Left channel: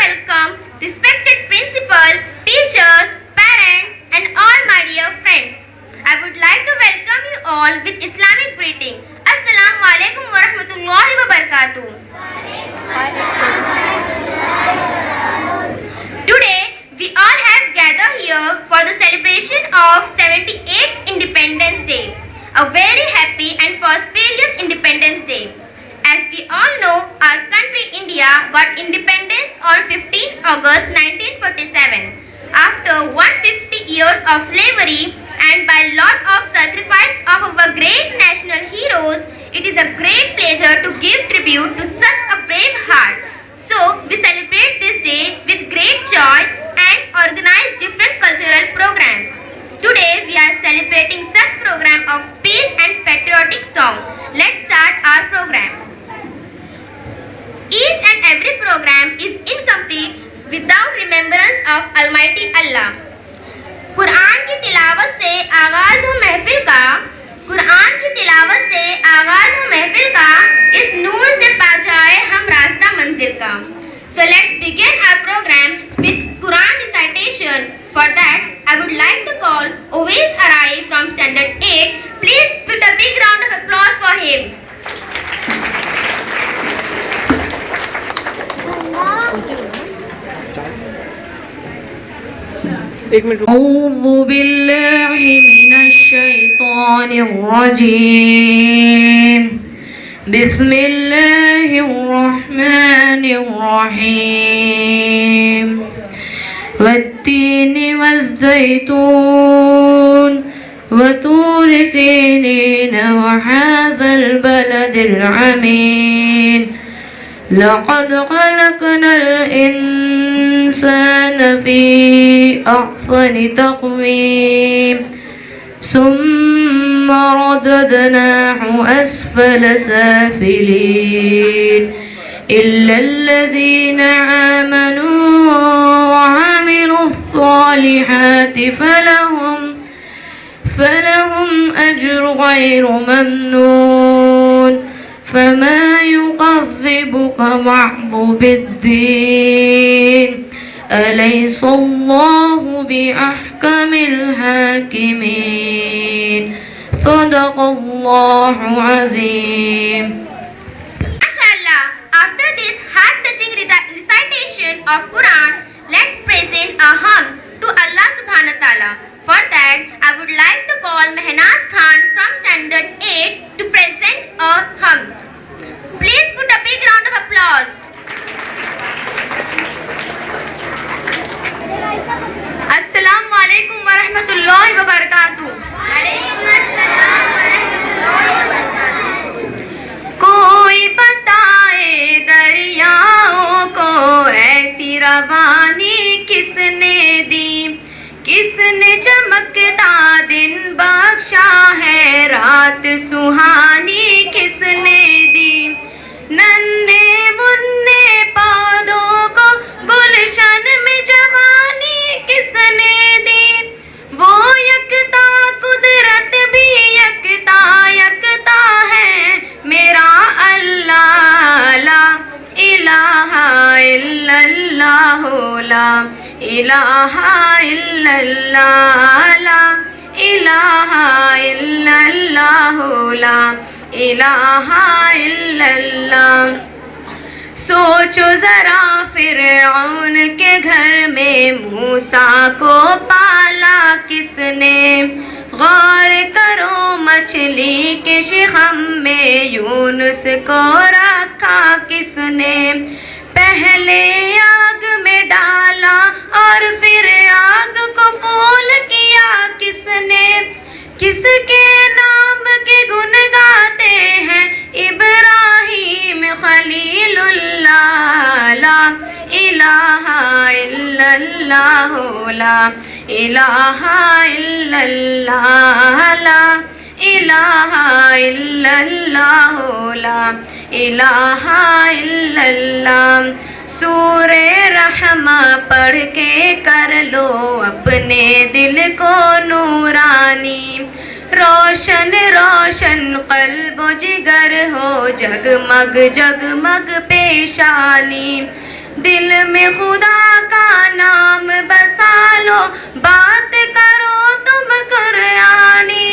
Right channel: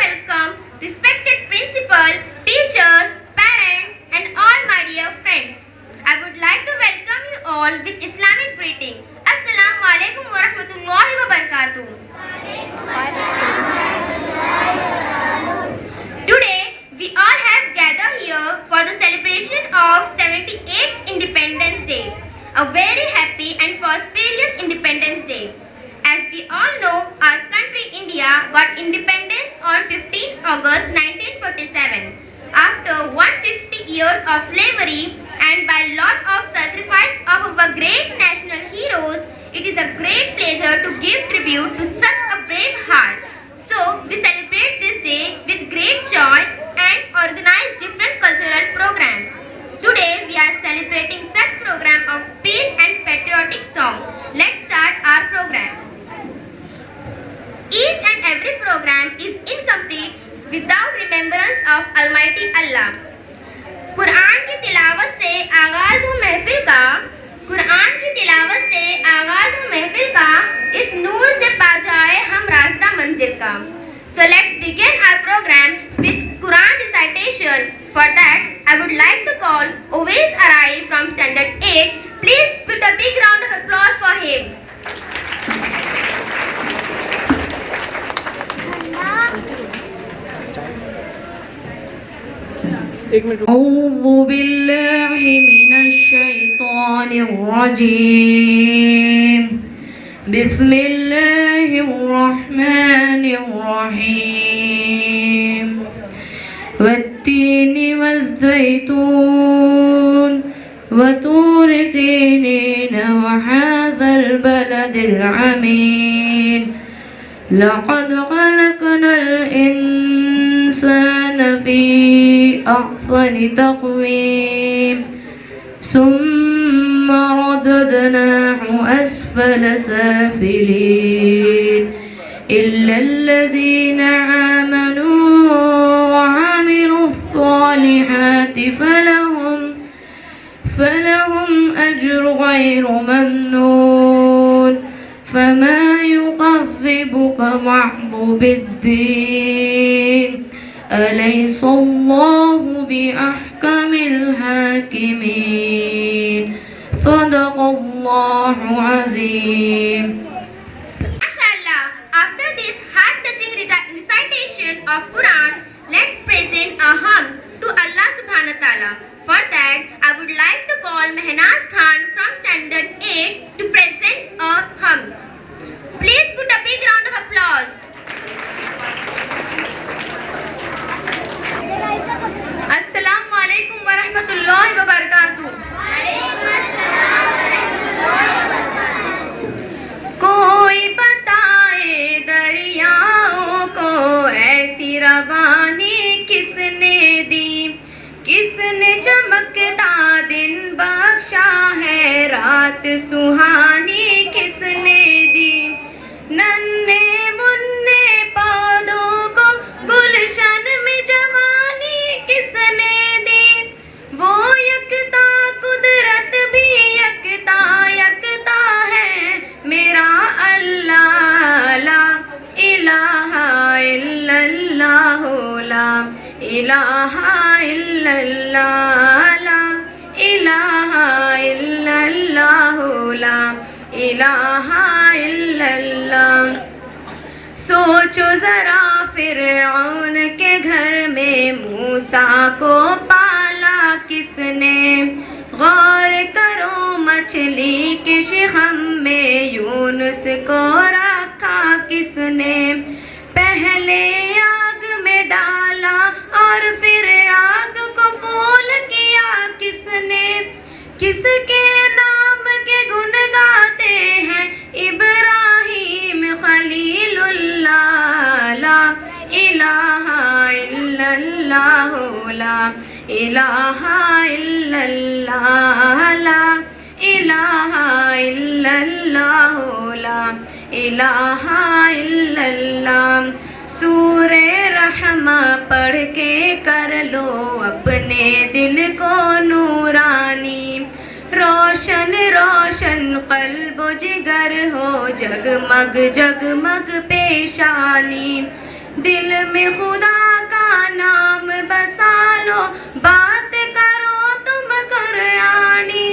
welcome respected principal, teachers, parents and all my dear friends. I would like to welcome you all with Islamic greeting. Assalamu alaikum wa rahmatullahi wa barakatuh. Today we all have gathered here for the celebration of 78th Independence Day. A very happy and prosperous Independence Day. As we all know, our country India got independence on 15th August 1947. After 150 years of slavery and by lot of sacrifice of our great national heroes, it is a great pleasure to give tribute to such a brave heart. So, we celebrate this day with great joy and organize different cultural programs. Today, we are celebrating such program of speech and patriotic song. Let's start our program. Each and every program is incomplete without remembrance of Almighty Allah. Quran की तिलावत से आगाज हो महफिल का, कुरान की तिलावत से आगाज हो महफिल का, इस नूर से पा जाए हम रास्ता मंजिल का. So let's begin our program with Quran recitation. For that, I would like to call Uwais Arai from Standard 8. Please put a big round of applause for him. أعوذ بالله من الشيطان الرجيم. بسم الله الرحمن الرحيم. والتين والزيتون وطور سينين وهذا البلد العمين. لقد خلقنا الإنسان في أحسن تقويم ثم رددناه أسفل سافلين إلا الذين آمنوا وعملوا الصالحات فلهم أجر غير ممنون. فما يكذبك بعد بالدين أليس الله بأحكم الحاكمين. صدق الله العظيم. MashaAllah, after this heart-touching recitation of Quran, let's present a hymn to Allah Subhanahu wa Taala. For that, I would like to call Mehnaz Khan from Standard 8 to present a hymn. Please put a big round of applause. Assalamu alaikum wa rahmatullahi wa barakatuh. कोई बताए दरियाओं को ऐसी रवानी किसने दी, किसने चमकता दिन बख्शा है, रात सुहानी किसने दी. नन्हे मुन्ने पौधों को गुलशन में जवानी किसने दी. वो यकता कुदरत भी यकता यकता है मेरा अल्लाह. ला इलाहा इल्लल्लाह, ला इलाहा इल्लल्लाह, ला इलाहा इल्लल्लाह, ला इलाहा इल्लल्लाह. सोचो जरा फिरऔन के घर में मूसा को पाला किसने. गौर करो मछली के शिखम में यूनुस को रखा किसने. पहले आग में डाला और फिर आग को फूल किया किसने. किसके नाम के गुण गाते हैं इब्राहिम खलीलुल्लाह. ला इलाहा इल्लल्लाह, ला इलाहा इल्लल्लाह, ला इलाहा इल्लल्लाह, ला इलाहा इल्लल्लाह. सूरे रहमा पढ़ के कर लो अपने दिल को नूरानी. रोशन रोशन कल्ब जिगर हो जगमग जगमग पेशानी. दिल में खुदा का नाम बसा लो, बात करो तुम कुरानी,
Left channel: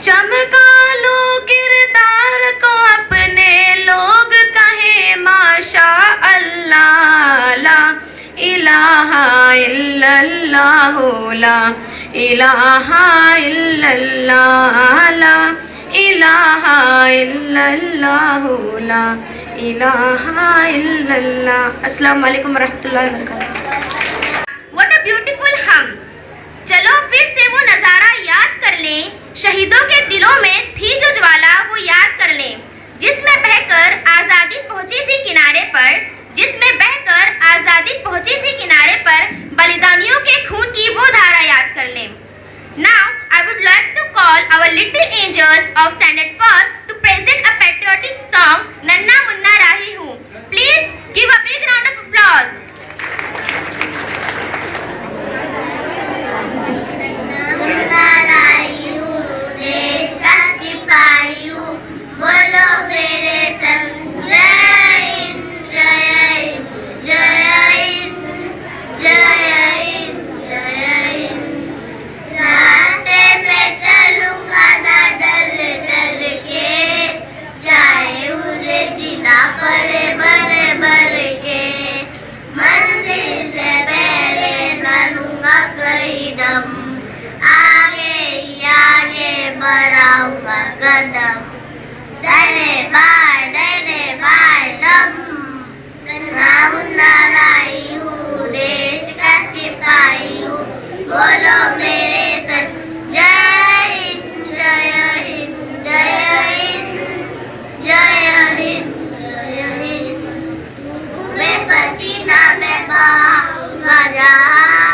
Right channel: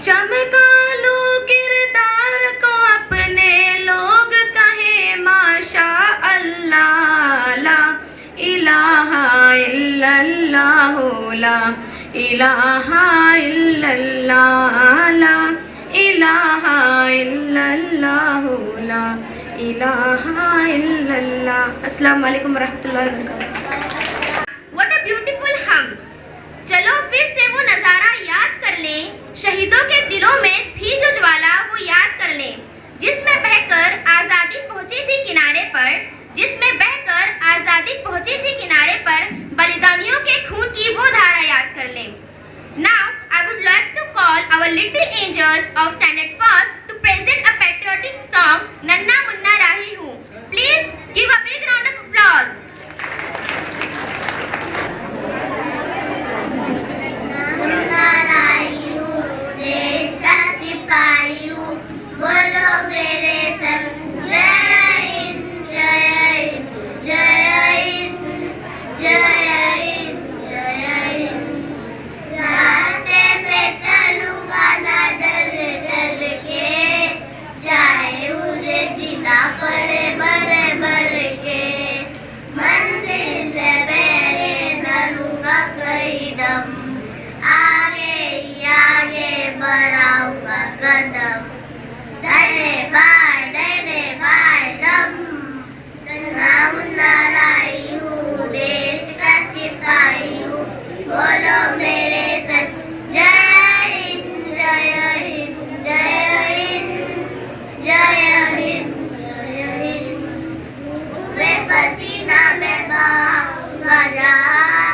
चमका लो किरदार को अपने, लोग कहे माशा अल्लाह। ला इलाहा इल्लल्लाह, ला इलाहा इल्लल्लाह, ला इलाहा इल्लल्लाह, ला इलाहा इल्लल्लाह। अस्सलाम वालेकुम रहमतुल्लाहि व बरकातुहू। What a beautiful hum! चलो फिर से वो नज़ारा याद कर लें, शहीदों के दिलों में थी जो ज्वाला वो याद कर लें, जिसमें बहकर आज़ादी पहुंची थी किनारे पर, जिसमें बहकर आज़ादी पहुंची थी किनारे पर, बलिदानियों के खून की वो धारा याद कर लें। Now I would like to call our little angels of Standard First to present a patriotic song, Nanna Munna Rahi Hoon. Please give a big round of applause. नन्ना राही हूँ, देश का सिपाही हूँ, बोलो मेरे संग जय हिंद, जय हिंद, जय हिंद, जय हिंद, जय हिंद। रास्ते पे चलूंगा ना डर डर के, चाहे मुझे जीना पड़े मर मर के, मंदिर से पहले ना लूंगा कहीं दम, आगे ही आगे बढ़ाऊंगा कदम, डरे बाय दम। नन्ना मुन्ना राही हूँ, देश का सिपाही हूँ, बोलो मेरे संग जय हिंद, जय हिंद, जय हिंद, जय हिंद, जय हिंद। तुम्हें पसीना में बहाऊंगा जहाँ,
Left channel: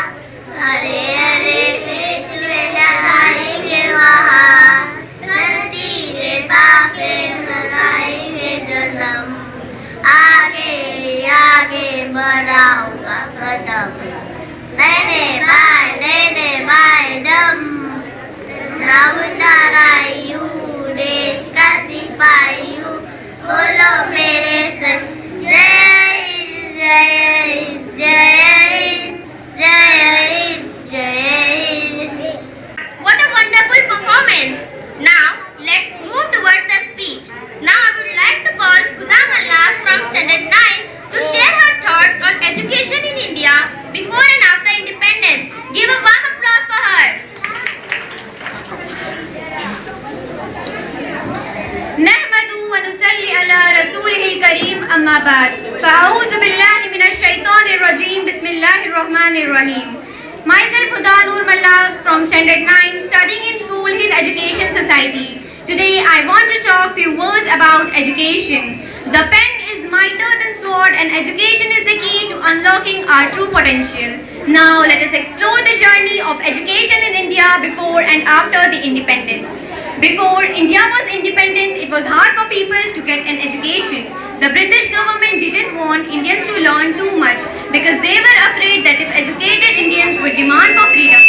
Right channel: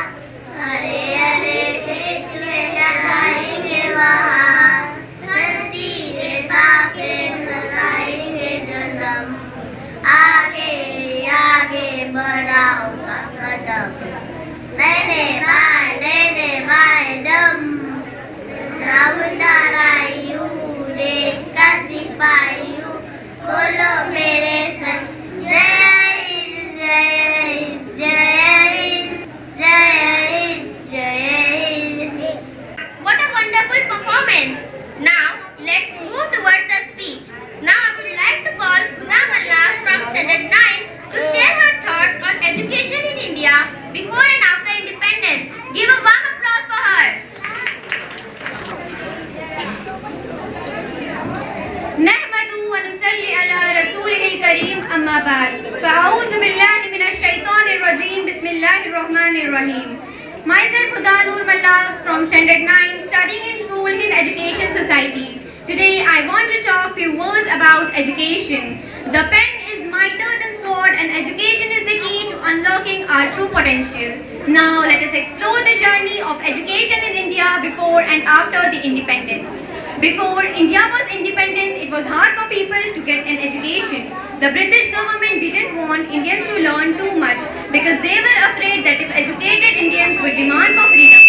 हरे हरे खेत में लगाएंगे वहाँ, धरती के पाके लगाएंगे जन्म, आगे आगे बढ़ाऊंगा कदम, देने बाय दम। नन्ना मुन्ना राही हूँ, देश का सिपाही हूँ, बोलो मेरे संग जय हिंद, जय हिंद, जय हिंद, जय हिंद, जय Hind. What a wonderful performance! Now let's move towards the speech. Now I would like to call Huda Malla from Standard 9 to share her thoughts on education in India before and after independence. Give a warm applause for her. नहमदु व नुसल्ली अला रसूलिहिल करीम, अम्मा बाद, फ़अऊज़ु बिल्लाहि मिनश शैतानिर रजीम, बिस्मिल्लाहिर रहमानिर रहीम। Myself Huda Noor Malla from Standard 9, studying in school in Education Society. Today I want to talk few words about education. The pen is mightier than sword, and education is the key to unlocking our true potential. Now let us explore the journey of education in India before and after the independence. Before India was independent, it was hard for people to get an education. The British government didn't want Indians to learn too much because they were afraid that if educated Indians would demand for freedom,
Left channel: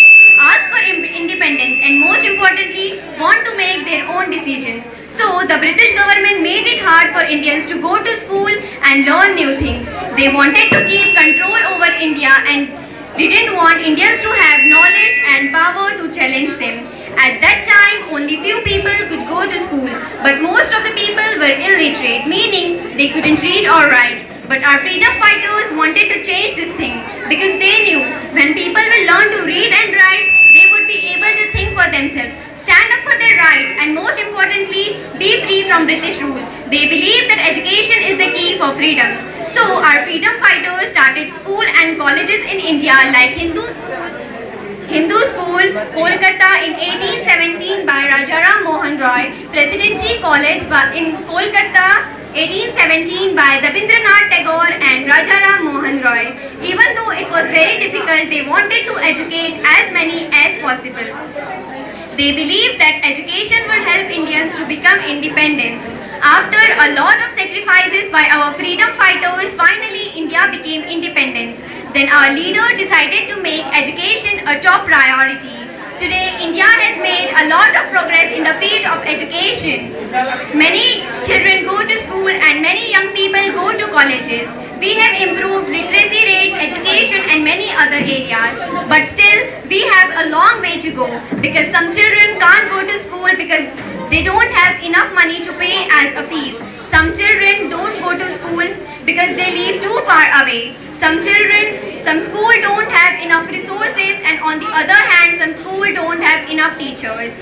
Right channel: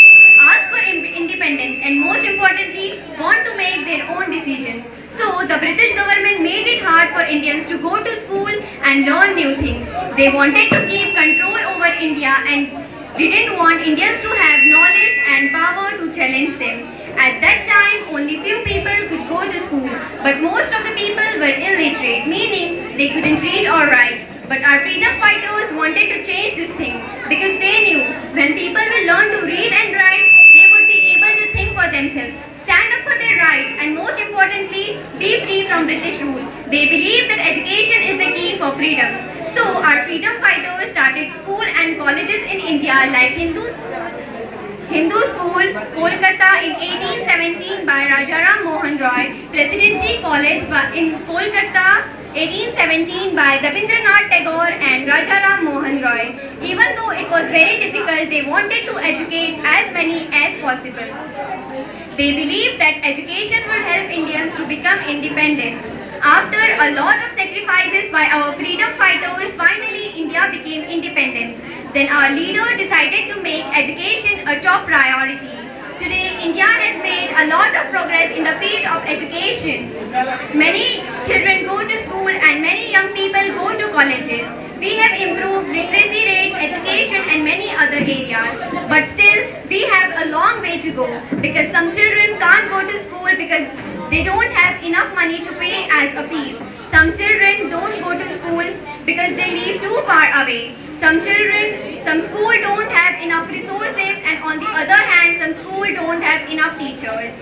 ask for independence, and most importantly, want to make their own decisions. So the British government made it hard for Indians to go to school and learn new things. They wanted to keep control over India and didn't want Indians to have knowledge and power to challenge them. At that time, only few people could go to school, but most of the people were illiterate, meaning they couldn't read or write. But our freedom fighters wanted to change this thing because they knew when people will learn to read and write, they would be able to think for themselves, stand up for their rights, and most importantly, be free from British rule. They believed that education is the key for freedom. So our freedom fighters started school and colleges in India like Hindu School, Kolkata in 1817 by Rajaram Mohan Roy, Presidency College in Kolkata 1817 by Rabindranath Tagore and Rajaram Mohan Roy. Even though it was very difficult, they wanted to educate as many as possible. They believed that education would help Indians to become independent. After a lot of sacrifices by our freedom fighters, finally India became independent. Then our leader decided to make education a top priority. Today, India has made a lot of progress in the field of education. Many children go to school and many young people go to colleges. We have improved literacy rates, education and many other areas. But still, we have a long way to go because some children can't go to school because they don't have enough money to pay as a fees. Some children don't go to school because they live too far away. Some school don't have enough resources, and on the other hand, some school don't have enough teachers.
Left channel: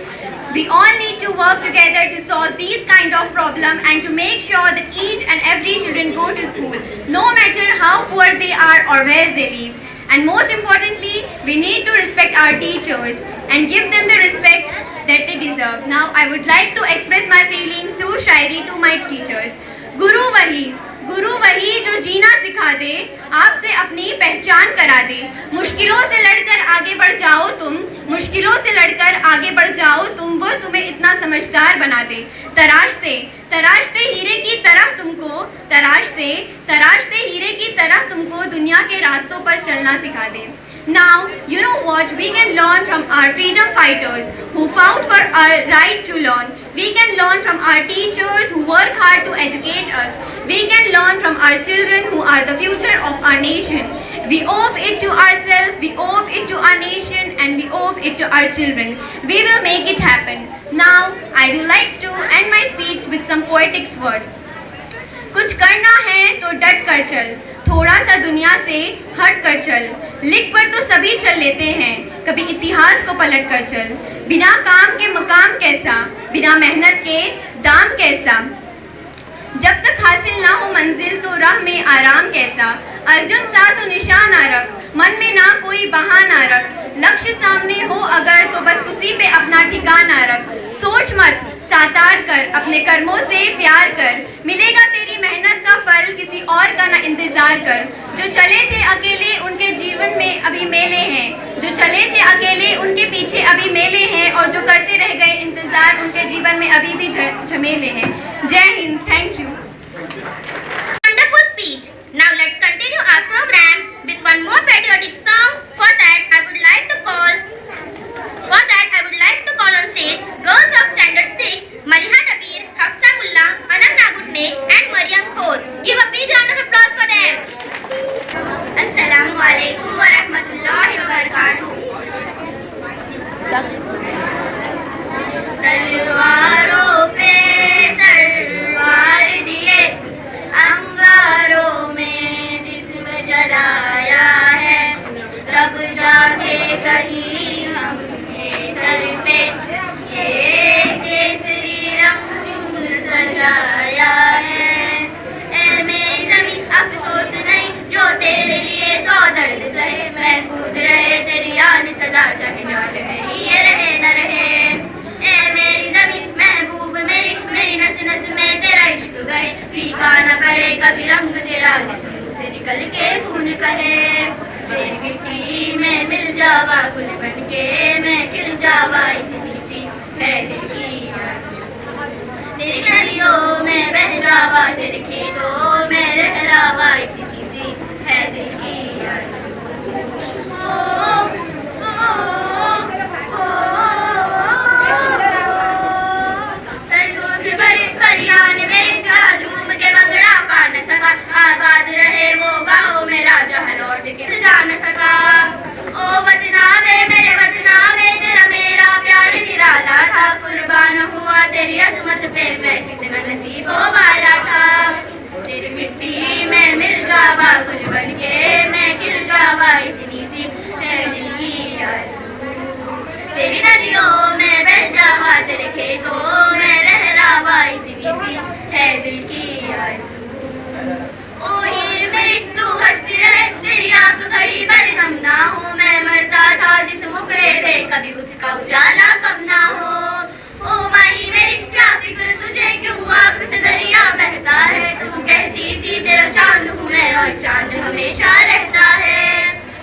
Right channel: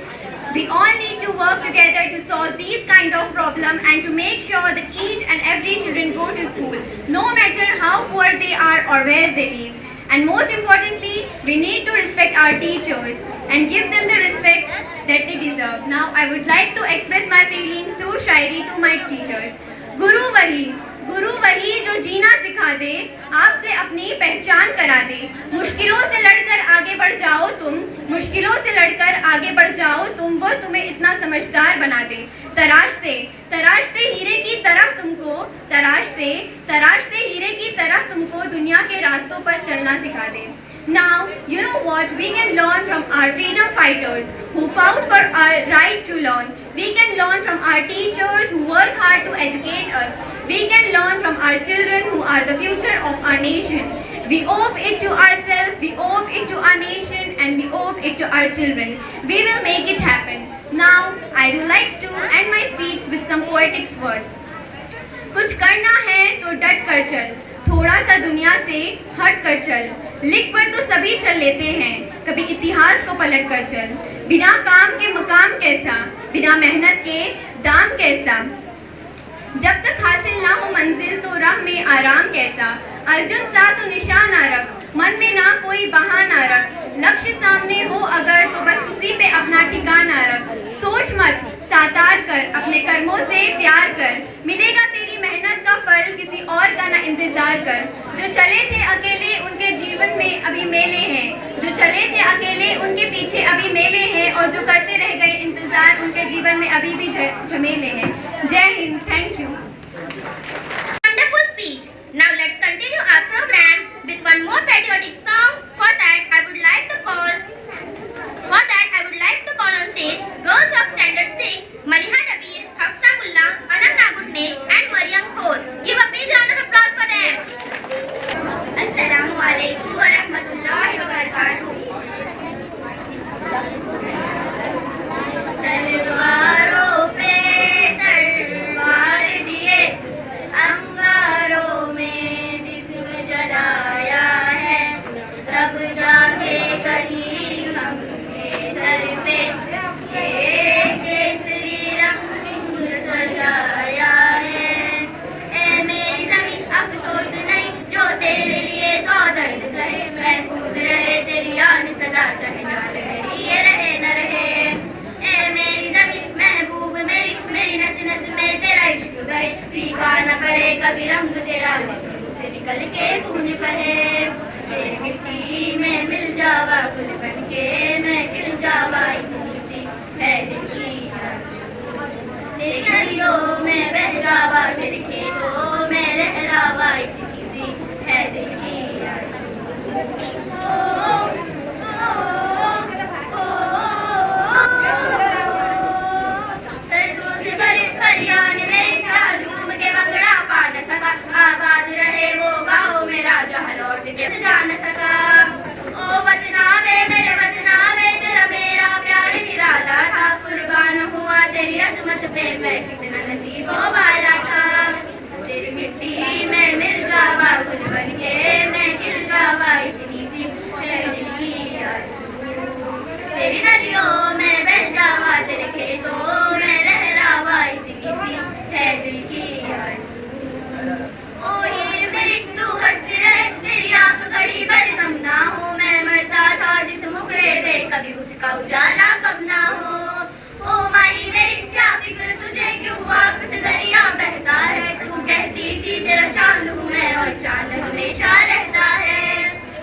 We all need to work together to solve these kind of problems and to make sure that each and every children go to school, no matter how poor they are or where they live. And most importantly, we need to respect our teachers and give them the respect that they deserve. Now, I would like to express my feelings through Shayari to my teachers. गुरु वही जो जीना सिखा दे, आपसे अपनी पहचान करा दे। मुश्किलों से लड़कर आगे बढ़ जाओ तुम, मुश्किलों से लड़कर आगे बढ़ जाओ तुम, वो तुम्हें इतना समझदार बना दे। तराशते हीरे की तरह तुमको, तराशते हीरे की तरह तुमको दुनिया के रास्तों पर चलना सिखा दे। Now, you know what? We can learn from our freedom fighters who fought for our right to learn. We can learn from our teachers who work hard to educate us. We can learn from our children who are the future of our nation. We owe it to ourselves, we owe it to our nation, and we owe it to our children. We will make it happen. Now, I would like to end my speech with some poetic words. कुछ करना है तो डट कर चल, थोड़ा सा दुनिया से हट कर चल, लिख पर तो सभी चल लेते हैं, कभी इतिहास को पलट कर चल। बिना काम के मकाम कैसा, बिना मेहनत के दाम कैसा, जब तक हासिल ना हो मंजिल तो राह में आराम कैसा। अर्जुन सा तो निशान ना रख, मन में ना कोई बहाना रख, लक्ष्य सामने हो अगर तो बस उसी पे अपना ठिकाना रख। सोच मत, साकार कर, अपने कर्मों से प्यार कर, मिलेगा तेरी मेहनत का फल, किसी और का ना इंतजार कर। जो चले थे अकेले उनके जीवन में अभी मेले हैं, जो चले थे अकेले उनके पीछे अभी मेले हैं, और जो करते रह गए इंतजार उनके जीवन में अभी भी झमेले हैं। जय Hind, thank you. Wonderful speech. Now let's continue our program with one more patriotic song. For that, I would like to call on stage girls of Standard 6, Maliha Dabir, Hafsa Mullah, Anam Nagudne, and Mariam Khod. Give a big round of applause for them. Assalamu alaikum wa rahmatullahi wa barakatuh. तलवारों पे सरवार दिए, अंगारों में जिस्म जलाया है, तब जाके कहीं हमने सर पे ये केसरी रंग सजाया है। ए मेरी ज़मीं अफसोस नहीं जो तेरे लिए सौ दर्द सहे, महफूज रहे तेरी आन सदा, चाहे जान मेरी ये रहे न रहे। ए मेरी ज़मीं महबूब मेरी, मेरी नस नस में तेरा इश्क बहे, फीका न पड़े कभी रंग तेरा जिस मुँह से निकल के खून कहे। तेरी मिट्टी में मिल जावा गुल बन के मैं खिल जावा, इतनी सी है दिल की आरज़ू। तेरी नदियों में बह जावा, तेरे खेतों में लहरावा, इतनी सी है दिल की आरज़ू। सरसों से भरे खलियान में जहाँ झूम के बकरा पा न सका, आबाद रहे वो गाँव मेरा जहाँ लौट के जा न सका। ओ वतनावे मेरे वतनावे, तेरा मेरा प्यार निराला था, कुर्बान हुआ तेरी अजमत पे मैं कितना नसीबों वाला था। तेरी मिट्टी में मिल जावा गुल बन के मैं खिल जावा, इतनी सी है दिल की आरज़ू। तेरी नदियों में बह जावा, तेरे खेतों में लहरावा, इतनी सी है दिल की आरज़ू। ओ हीर मेरी तू हंसती रहे, तेरी आंख घड़ी भर गम ना हो, मैं मरता था जिस मुकरे पे कभी उसका उजाला कम ना हो। ओ माही मेरी क्या फिक्र तुझे, क्यों आंख से दरिया बहता है, तू कहती थी तेरा चांद हूँ मैं और चांद हमेशा रहता है।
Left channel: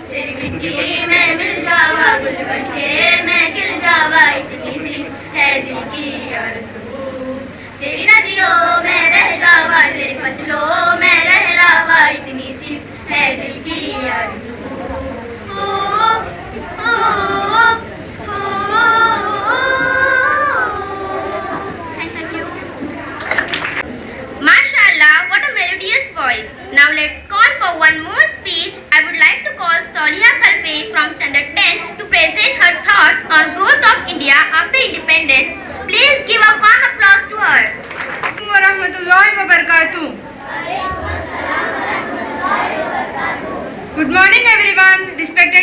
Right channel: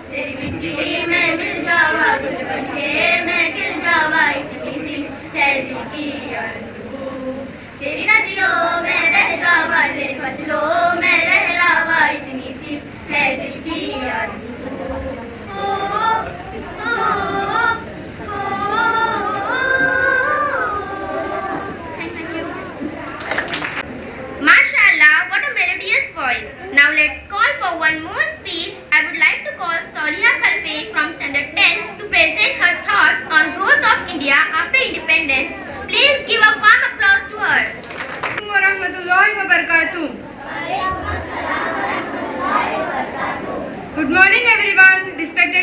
तेरी मिट्टी में मिल जावा गुल बन के मैं खिल जावा, इतनी सी है दिल की आरज़ू। तेरी नदियों में बह जावा, तेरी फसलों में लहरावा, इतनी सी है दिल की आरज़ू। Mashallah, what a melodious voice. Now let's call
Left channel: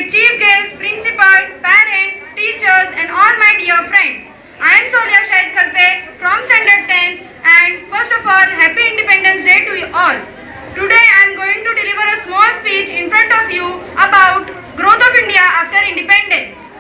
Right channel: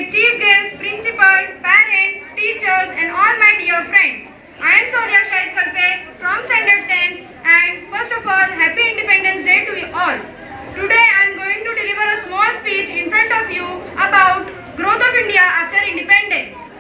chief guests, principal, parents, teachers and all my dear friends. I am Sonia Shahid Khalfe from Standard 10 and first of all, Happy Independence Day to you all. Today I am going to deliver a small speech in front of you about growth of India after independence.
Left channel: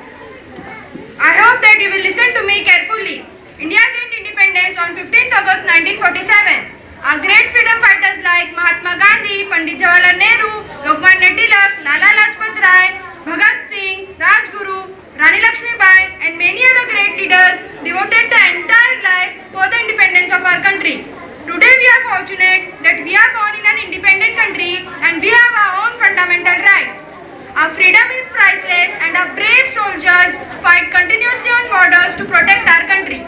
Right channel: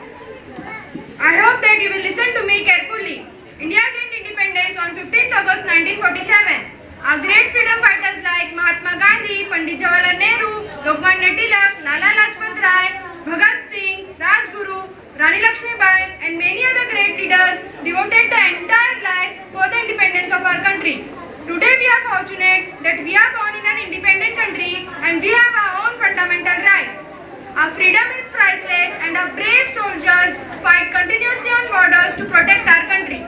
I hope that you will listen to me carefully. India gained independence on 15th August 1947. Our great freedom fighters like Mahatma Gandhi, Pandit Jawaharlal Nehru, Lokmanya Tilak, Lala Lajpat Rai, Bhagat Singh, Rajguru, Rani Lakshmibai and many other great leaders devoted their entire life for the independence of our country. Today we are fortunate that we are born in an independent country and we have our own fundamental rights. Our freedom is priceless and our brave soldiers fight continuously on borders to protect our country.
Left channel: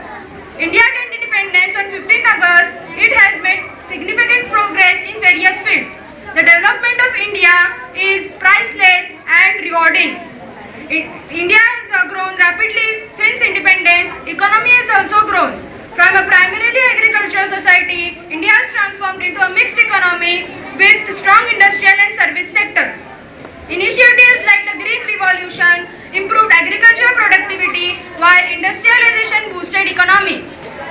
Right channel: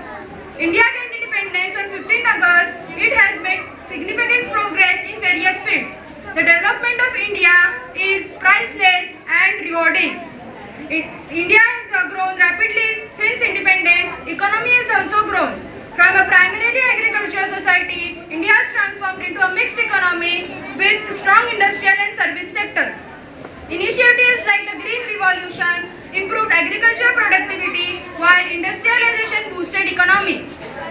India gained independence on 15th August. It has made significant progress in various fields. The development of India is priceless and rewarding. India has grown rapidly since independence. Economy has also grown. From a primarily agricultural society, India has transformed into a mixed economy with strong industrial and service sector. Initiatives like the Green Revolution improved agricultural productivity while industrialization boosted economy.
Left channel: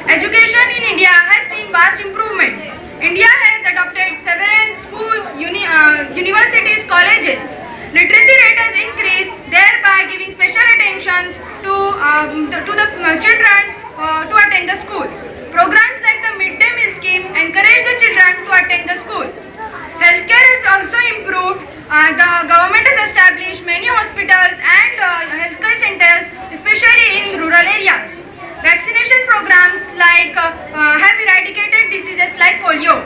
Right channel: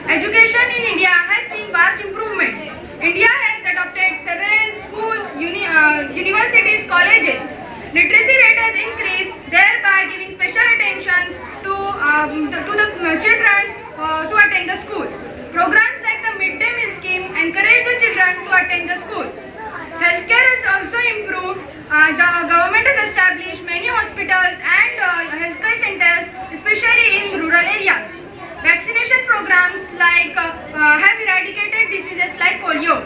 Education in India has seen vast improvement. India has adopted several schools, universities, colleges. Literacy rate has increased, thereby giving special attention to the children to attend the school. Programs like the Midday Meal Scheme encourage the children to attend the school. Healthcare has also improved. The government has established many hospitals and healthcare centers, especially in rural areas. Vaccination programs have eradicated diseases like polio.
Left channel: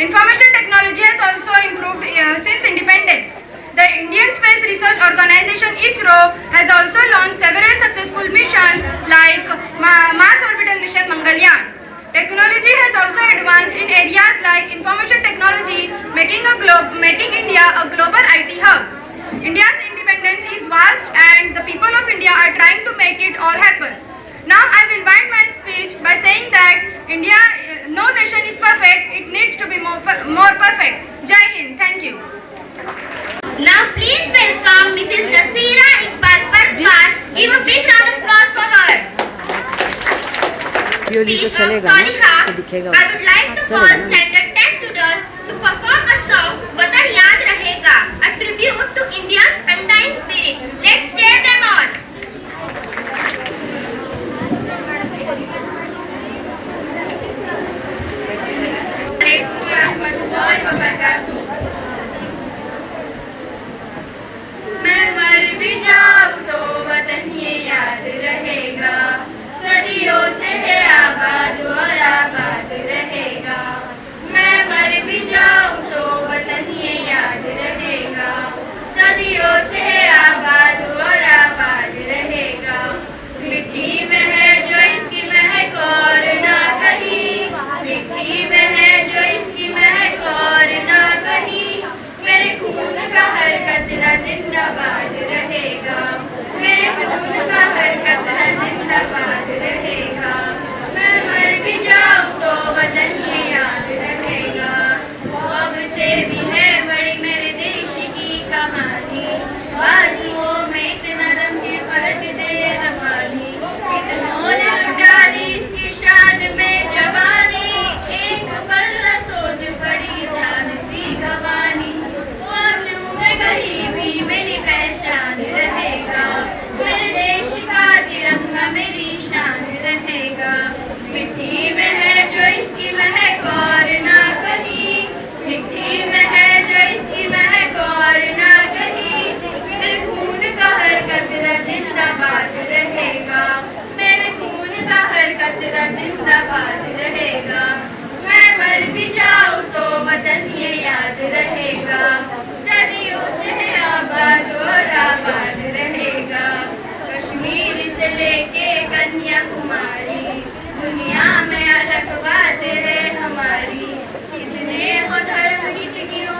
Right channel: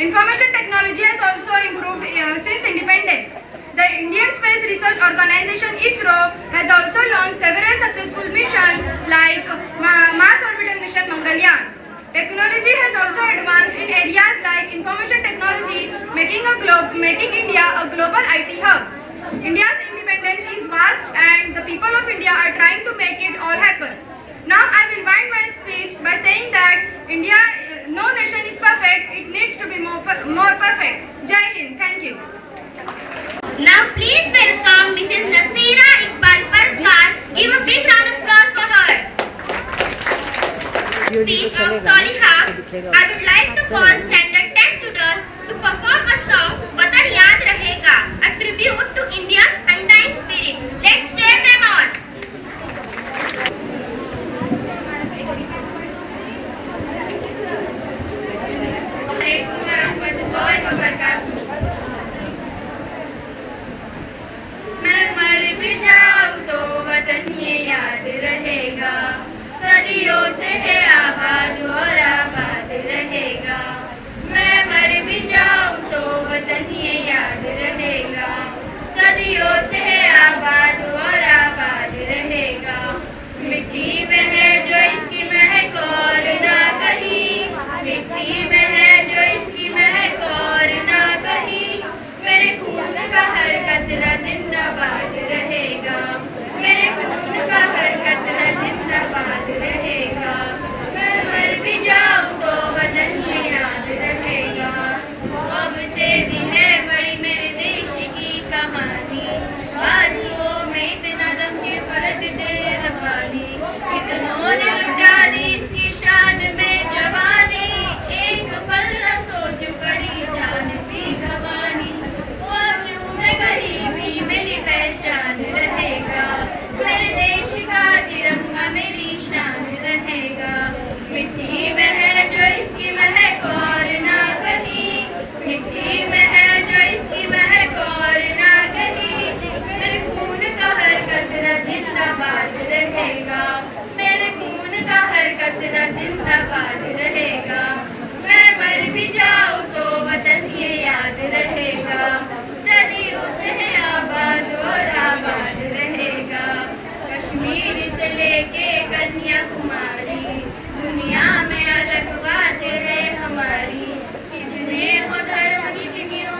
Information technology has also improved since independence. The Indian Space Research Organization ISRO has also launched several successful missions like Mars Orbital Mission Mangalyaan. Technology has also advanced in areas like information technology, making India a global IT hub. India's independence is vast and the people of India are trying to make it all happen. Now I will wind my speech by saying that India, no nation is perfect, it needs to be more perfect. Jai Hind, thank you. Now please welcome Mrs. Nasira Iqbal Parkar. Give a big round of applause for her. Speech of Saliha. I would like to call Standard 10 students to perform a song Watan Yaad Rahega, a tribute to India's undying spirit. Let's cheer them on. मैं मर भी जाऊं तो वतन ये याद रहेगा, सदियों से है आबाद और आबाद रहेगा। मैं मर भी जाऊं तो वतन ये याद रहेगा, सदियों से है आबाद और आबाद रहेगा। मिट्टी में है जो इसकी महक और ना कहीं, मिट्टी में है जो इसकी महक और ना कहीं। मेरे खून का हर कतरा जिंदाबाद रहेगा, मेरे खून का हर कतरा जिंदाबाद रहेगा। मैं मर भी जाऊं तो वतन ये याद रहेगा। अब से भी है बड़ी मेरे देश की कहानी, बाजुओं में इतना दम के फर्क दे रवानी। कितनों ने लुटा दी इसकी शान में जवानी, एक पल न सोच पड़ी जान की गवानी। वो चूमे गरीबी मेरी पहचान रहेगा, मेरे देश का तिरंगा मेरी शान रहेगा। मिट्टी में है जो इसकी महक और ना कहीं, मिट्टी में है जो इसकी महक और ना कहीं। मेरे खून का हर कतरा जिंदाबाद रहेगा, मेरे खून का हर कतरा जिंदाबाद रहेगा। मैं मर भी जाऊं तो वतन ये याद रहेगा, सदियों से है आबाद और आबाद रहेगा। कश्मीर से लेके कन्याकुमारी, दुनिया में अलग बातें है हमारी। कितने हो धर्म, कितनी हो